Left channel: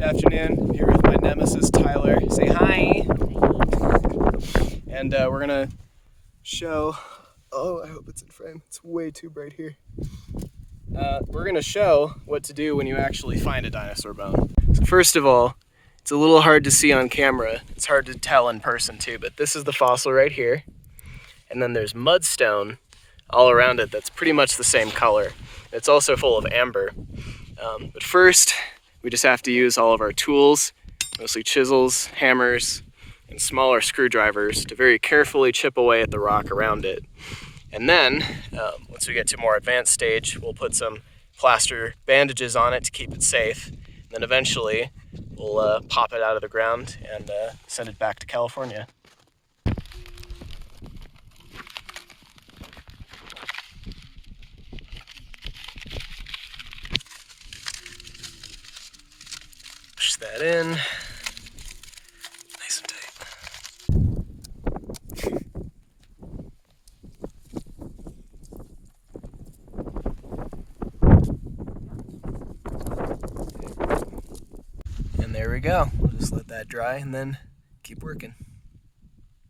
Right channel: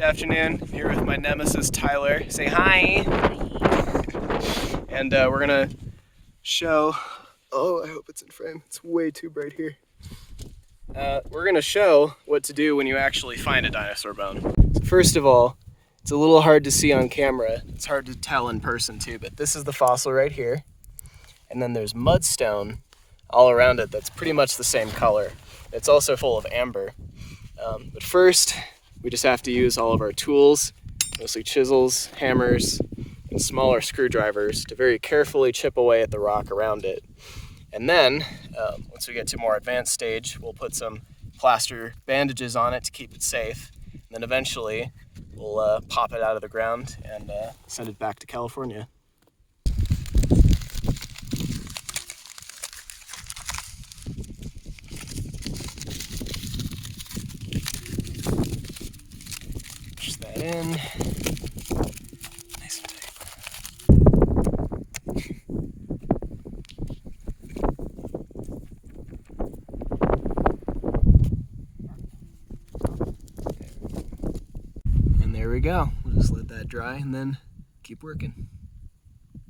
Good afternoon. I'm here with my nemesis Tyler. Say hi. And we're gonna show. Oh, I hope it's in frame. It's way too bright here. We're gonna show what to do when you actually find a dinosaur bone. So first of all, it's a little hard to see on camera. It's hard to tell in person too, but this is the fossil right here. And then there's mudstone all around it that's pretty much the same color. It's also full of amber. But first, we just have to use all of our tools, mostly chisels, hammers, and smaller screwdrivers to very carefully chip away at the rock around it. And then, once we get to a more advanced stage, we'll put some plaster bandages on it to keep it safe. And then eventually, we'll pop it out of the ground and send it back to California. Push that in. Nice and tight. And there we go. We'll just let that dry and then keep working.